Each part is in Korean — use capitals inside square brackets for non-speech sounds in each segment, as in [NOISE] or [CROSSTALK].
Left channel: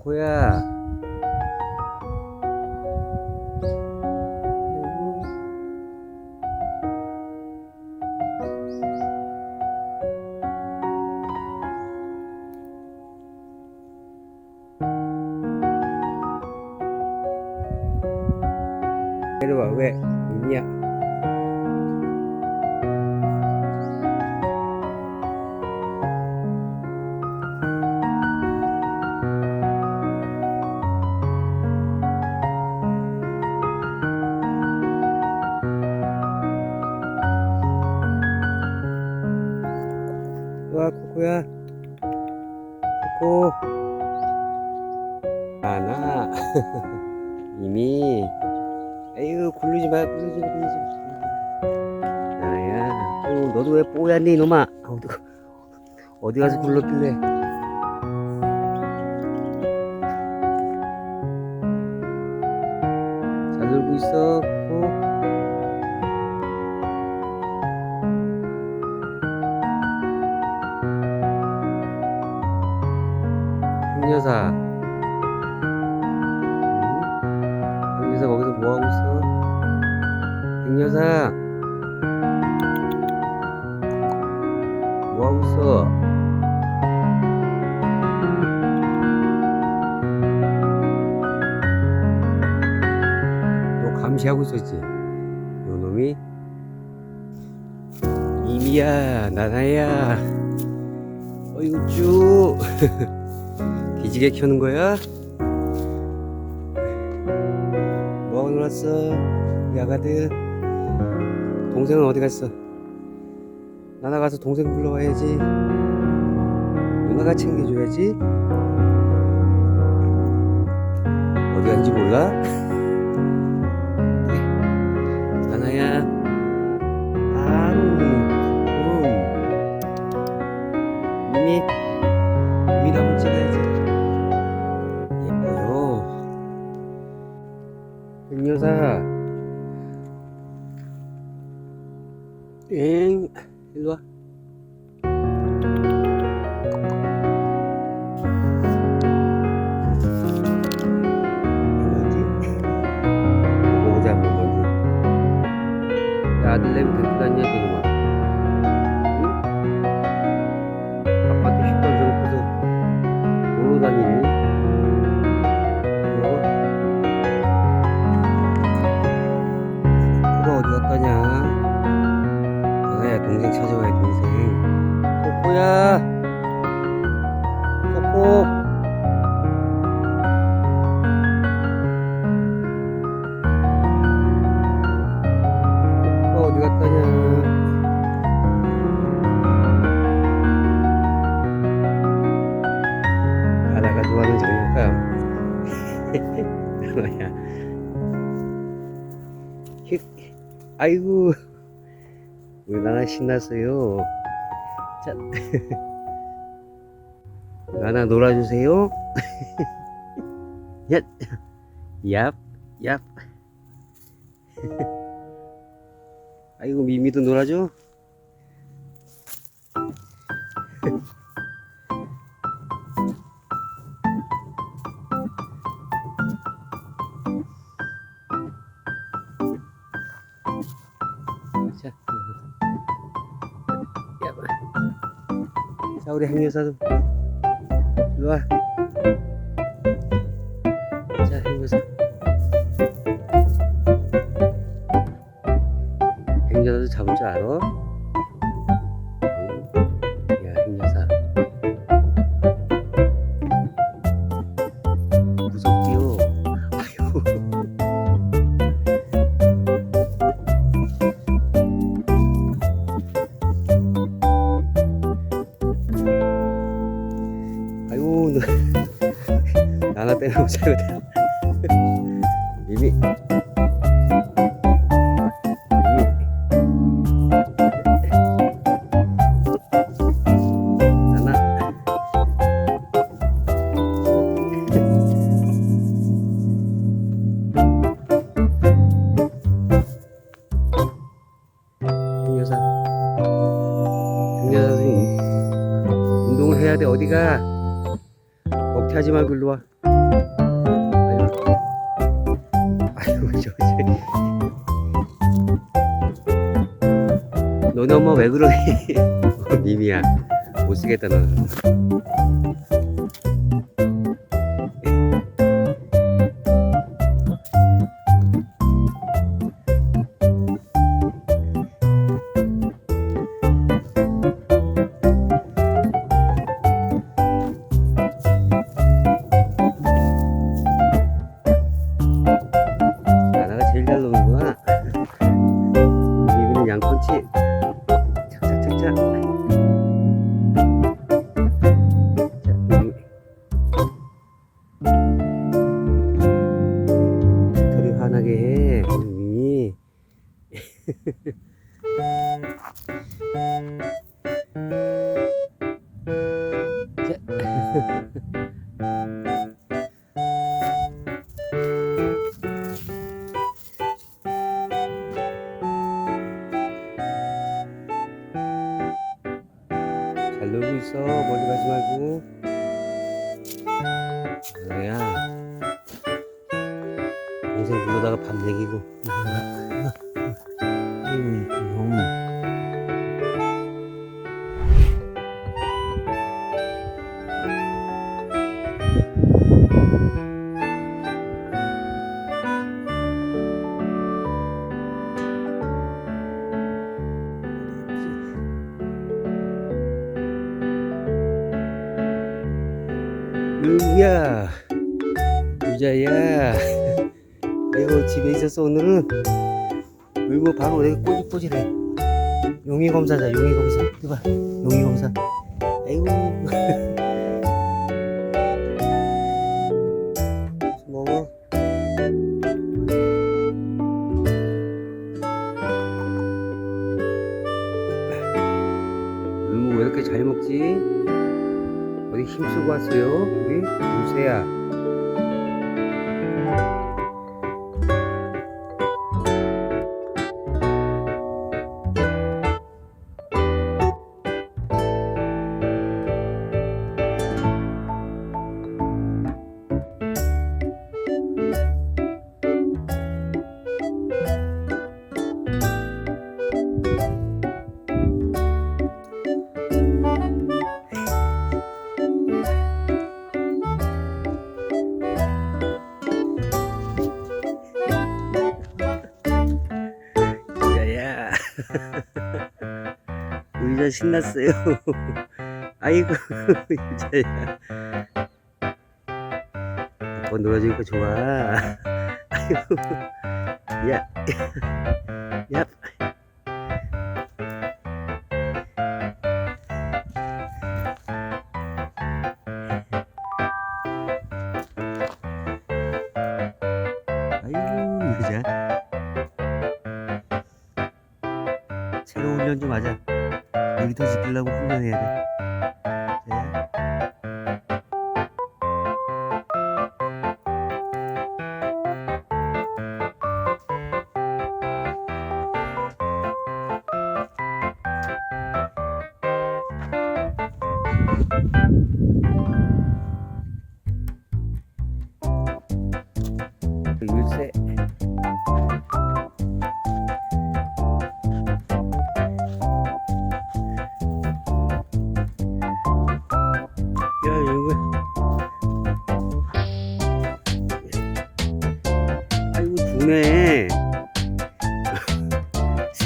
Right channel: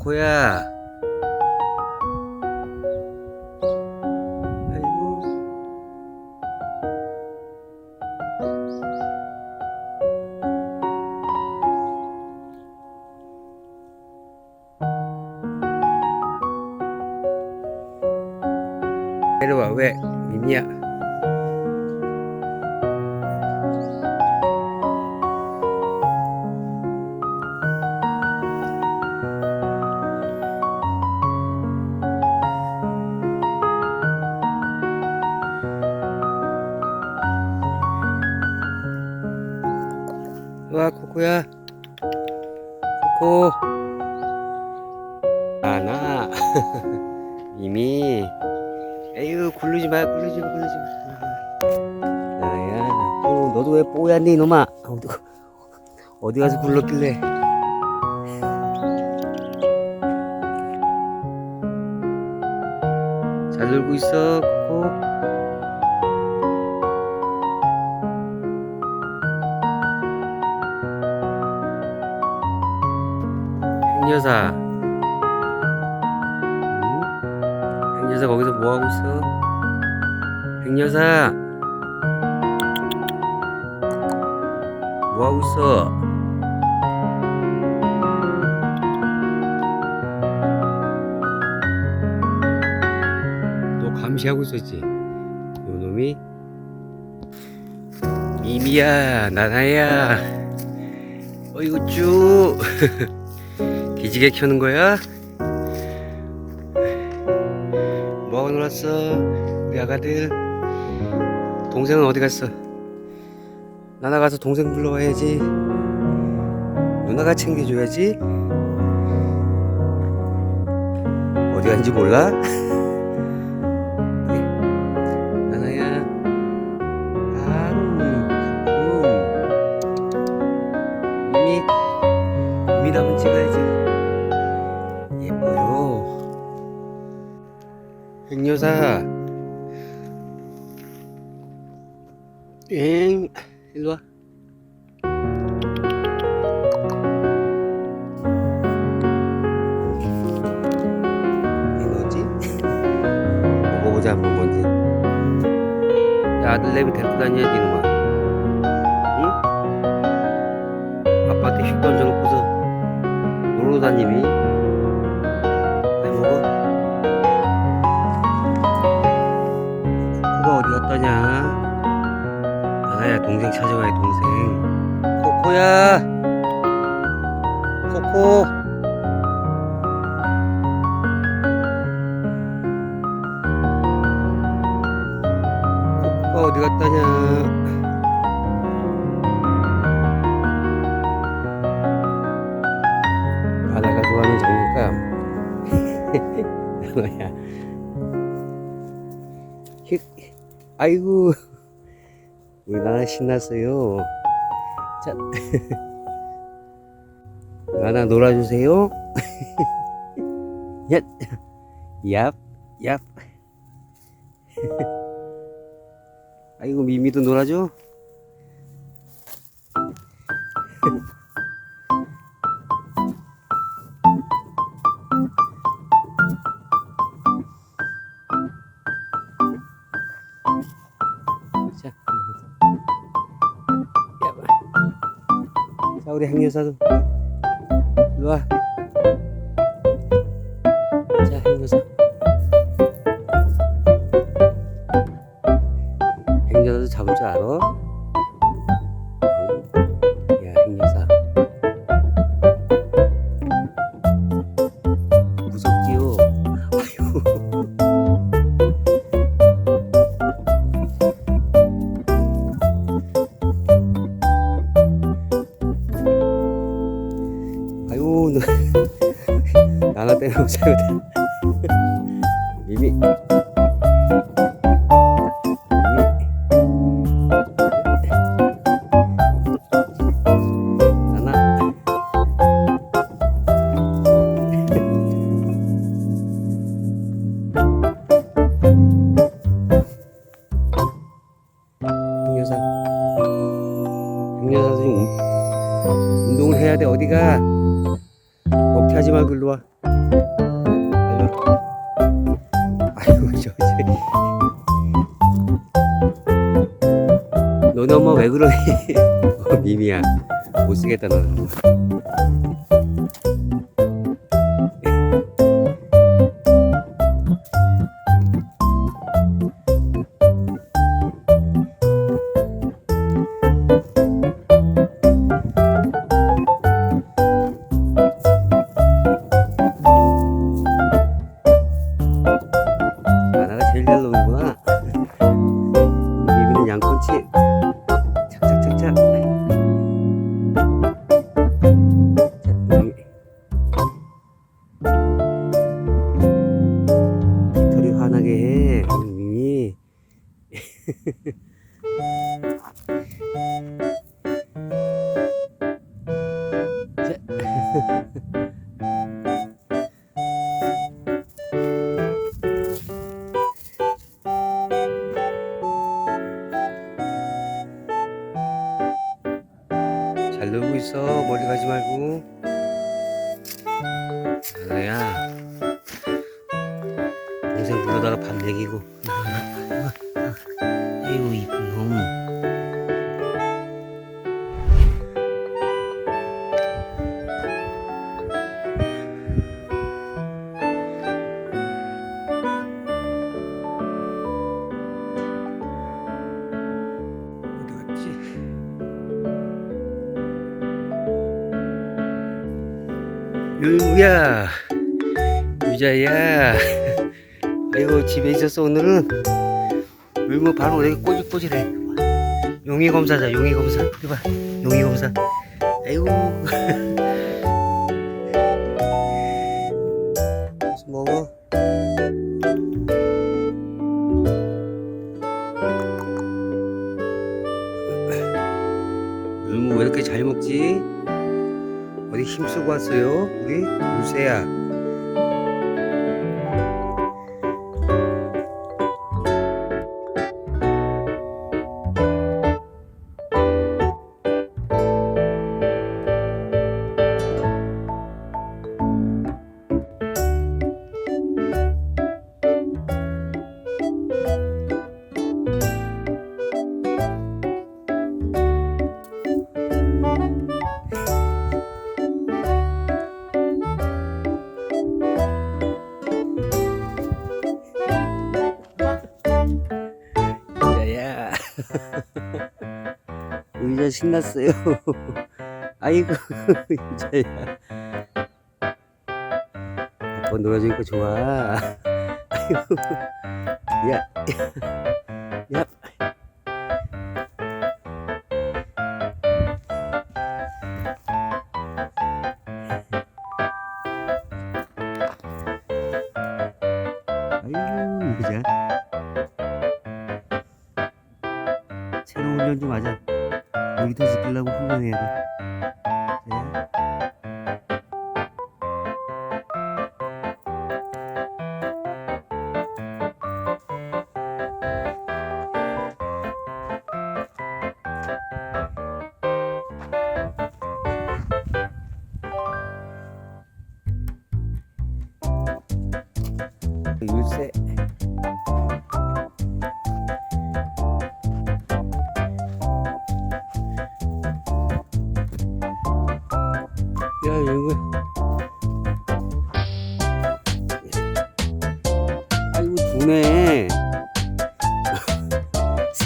코코야. 아이고. 내려와 왜 미미야? 코코야? 코코. 나나. [LAUGHS] 미미. 에휴 굴르지 마 굴르지 마 굴르지 마. 나야. 어, 너도 왜 뽀얗니 이놈아? 어디, 어디 가서 굴렀길래? 잘 놀고 있어 코코 행여사 응? 행여사 거기서 뭐하고 있어? 행여사 뭐하고 있어? 너 감시하고 있었지? 요 놈이? 미미야 나나야 어이구 쭉 [LAUGHS] 기지개 켜는 거야? 뭐하고 놀았어? 우리 아가들 동생은 어디 갔어? 나나 가서 동생 불러와야지 누나가 챙겨줘야지 어디 간지 몰라? 그래. [LAUGHS] 나나야 아우 음. 미미 미미 한번 찍어야지 백여사. 엥, 일로 와. 이게 뭐지? 먹어보자 한번 뭔지. 야, 아들 내비 데리고 다녀야지 이놈아. 응? 아빠한테 휙 던져놓고서 놀러 다니니? 갔다냐? 나나야 동생 찾아와야 동생. 코코야. 코코. 코코가 어디 갔다냐? 나나가 좋아하는 장난감. [LAUGHS] 아이고. [LAUGHS] 우리 나나 신났어요? 자. [LAUGHS] 나나 놀아주세요. 얏 [LAUGHS] 얍, 얍. 아이고 미미도 놀아줘 우리 행여사도 일로 와. 자 행여사. 행여사도 잡을 줄 알아? 나나 때문에 못 살거든. 너네 엄마 왜 그러니? [LAUGHS] 어, 미미야 못 쓰겠다 너는. 잘 놀고 있어. 멀리 가지 말고. 하나야. 동생 불러다가 밥. 아이고, 유야. 유자야. 아이고 집에 있었어 오늘은 울고 바로 내가 꼬질꼬질해. 용의 검사자 용의 검사. 해봐 용의 검사. 아이고 [LAUGHS] 힘쓰고 왔어요? 우리 유세야. 신났어요. [LAUGHS] 아이고 유자야. 아빠 놀아주니까 좋아. [LAUGHS] 아이고. 야. [LAUGHS] 야. 아이고 유자. 새로 훈련 좀 하자. 여기도 지키려고 훈련해야 돼.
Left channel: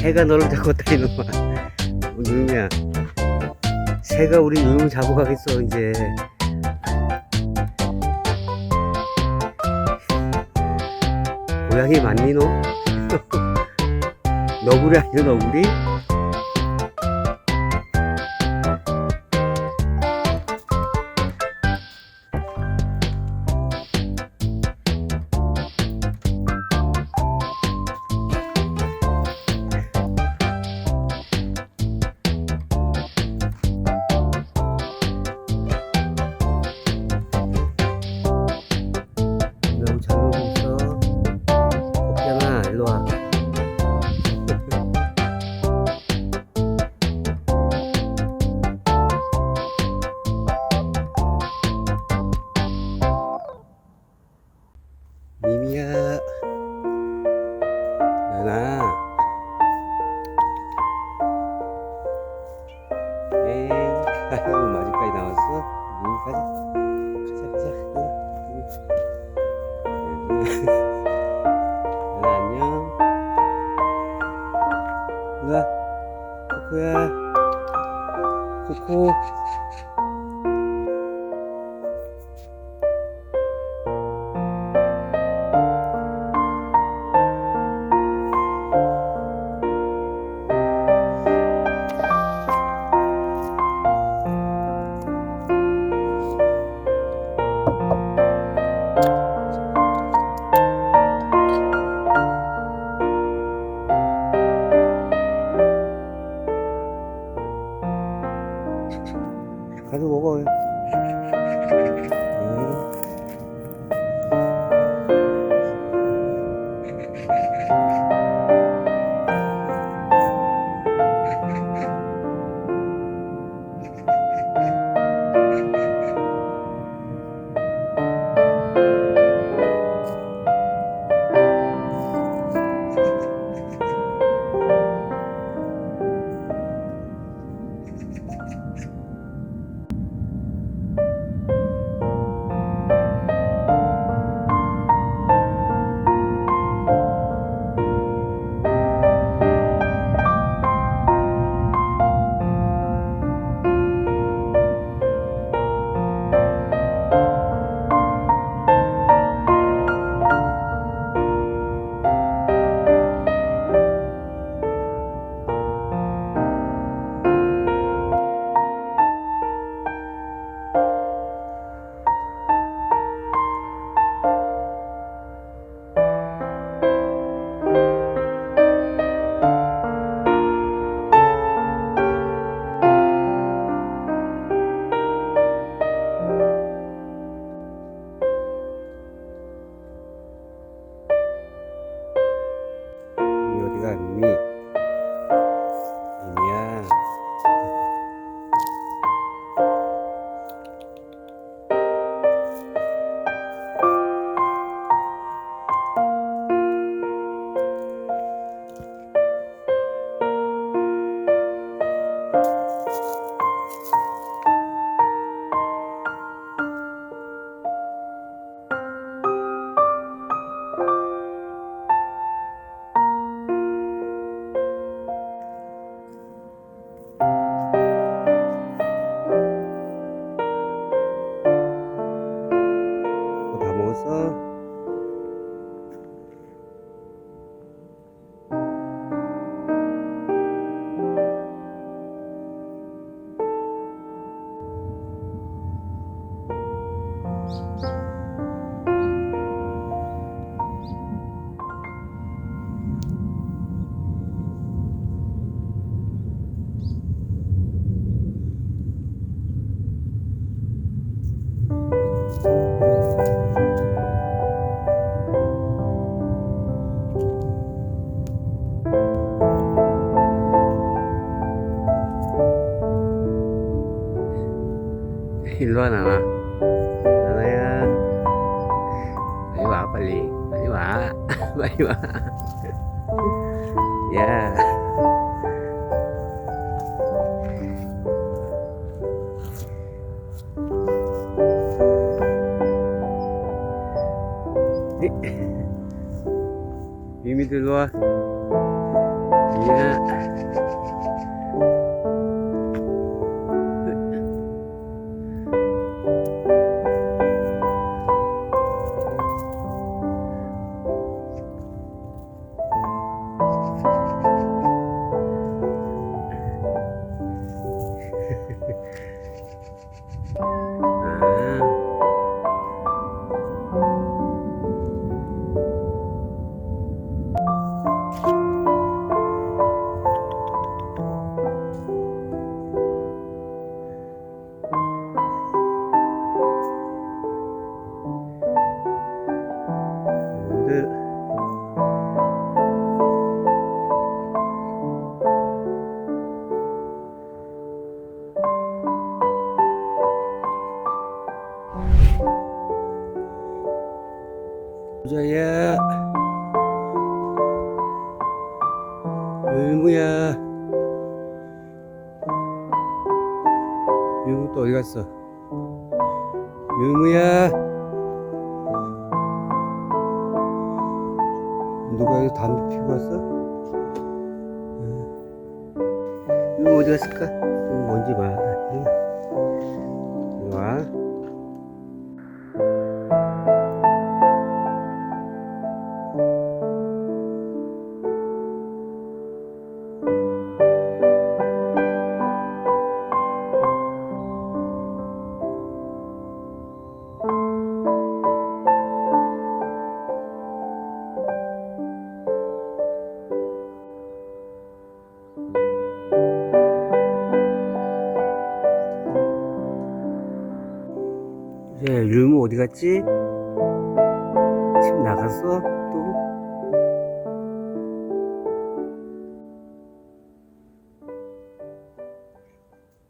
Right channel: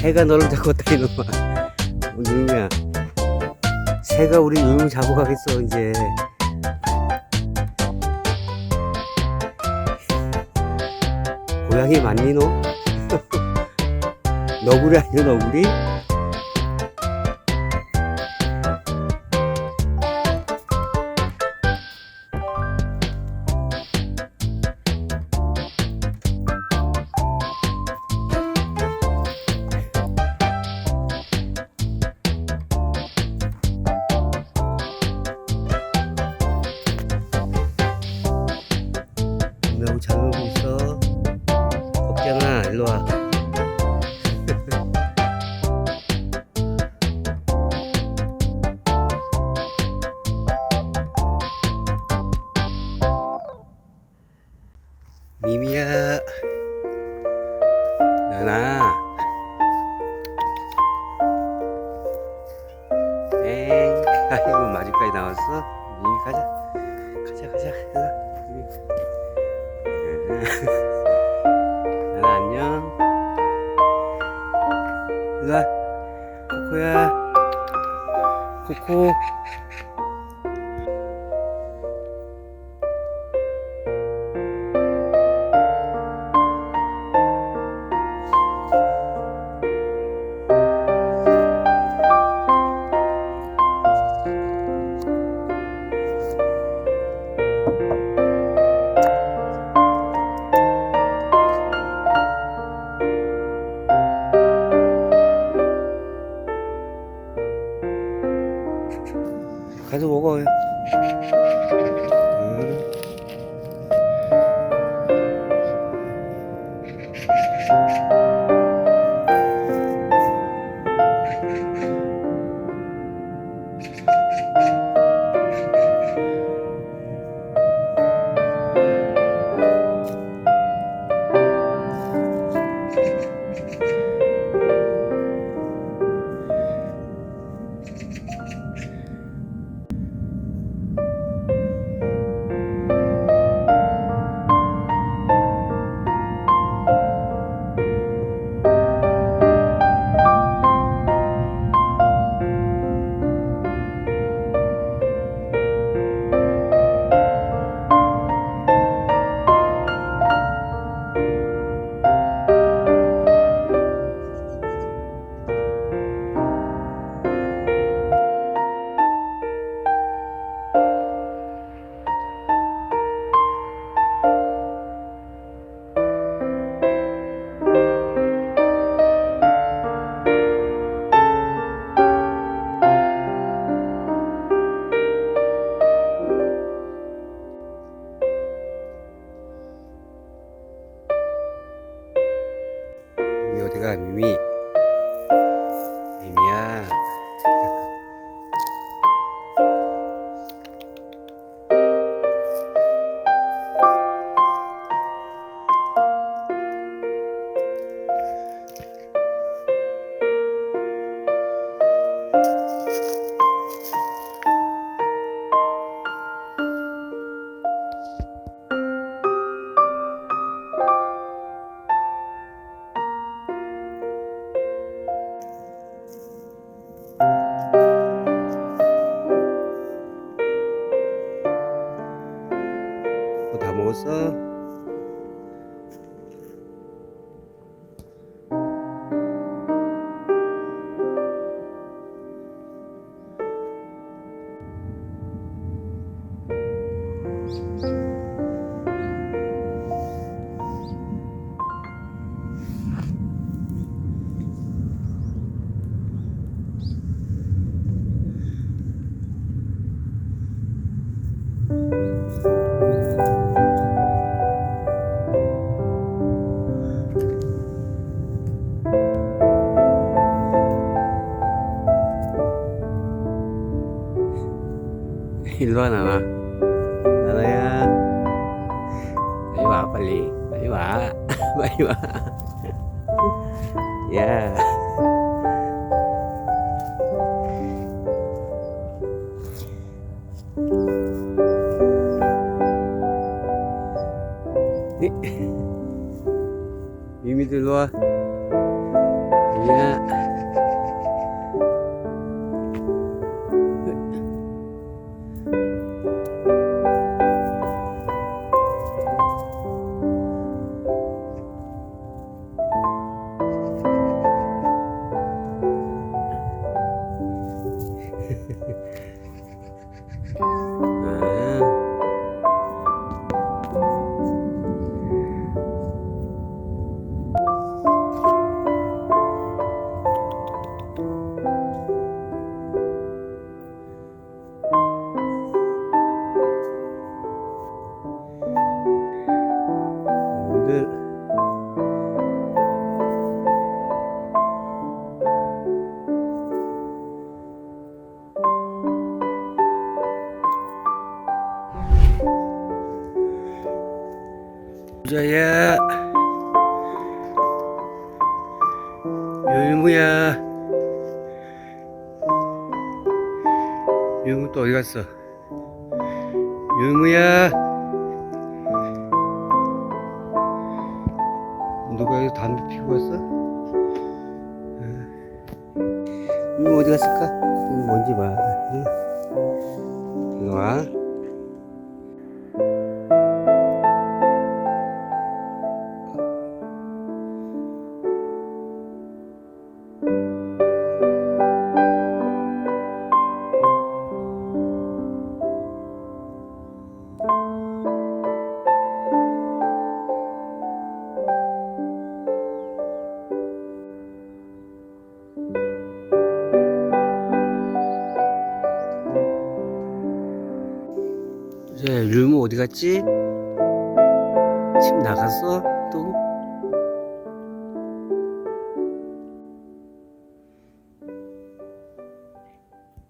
새가 너를 잡았다, 이놈아. 어, 누르야. 새가 우리 누르 잡아가겠어, 이제. 고양이 맞니, 너? [LAUGHS] 너구리 아니야, 너구리? 아이고, 마주까지 나왔어? 미미 가자. 가자, 가자. 연아. 미미. 연아, 안녕. 연아. 코코야. 코코. 일로 와 나나 나나야 빨리 와 빨리 빨리 와 빨리 와 야 미미도 일로 와 미미야 부자야 율무야. 율무 또 어디 갔어? 율무야. 누가 여기 담배 피고 왔어? 응. 율무 어디 갔을까? 응, 뭔지 봐. 응. 이리 와. 어디 갔지? 집 나갔어? 또?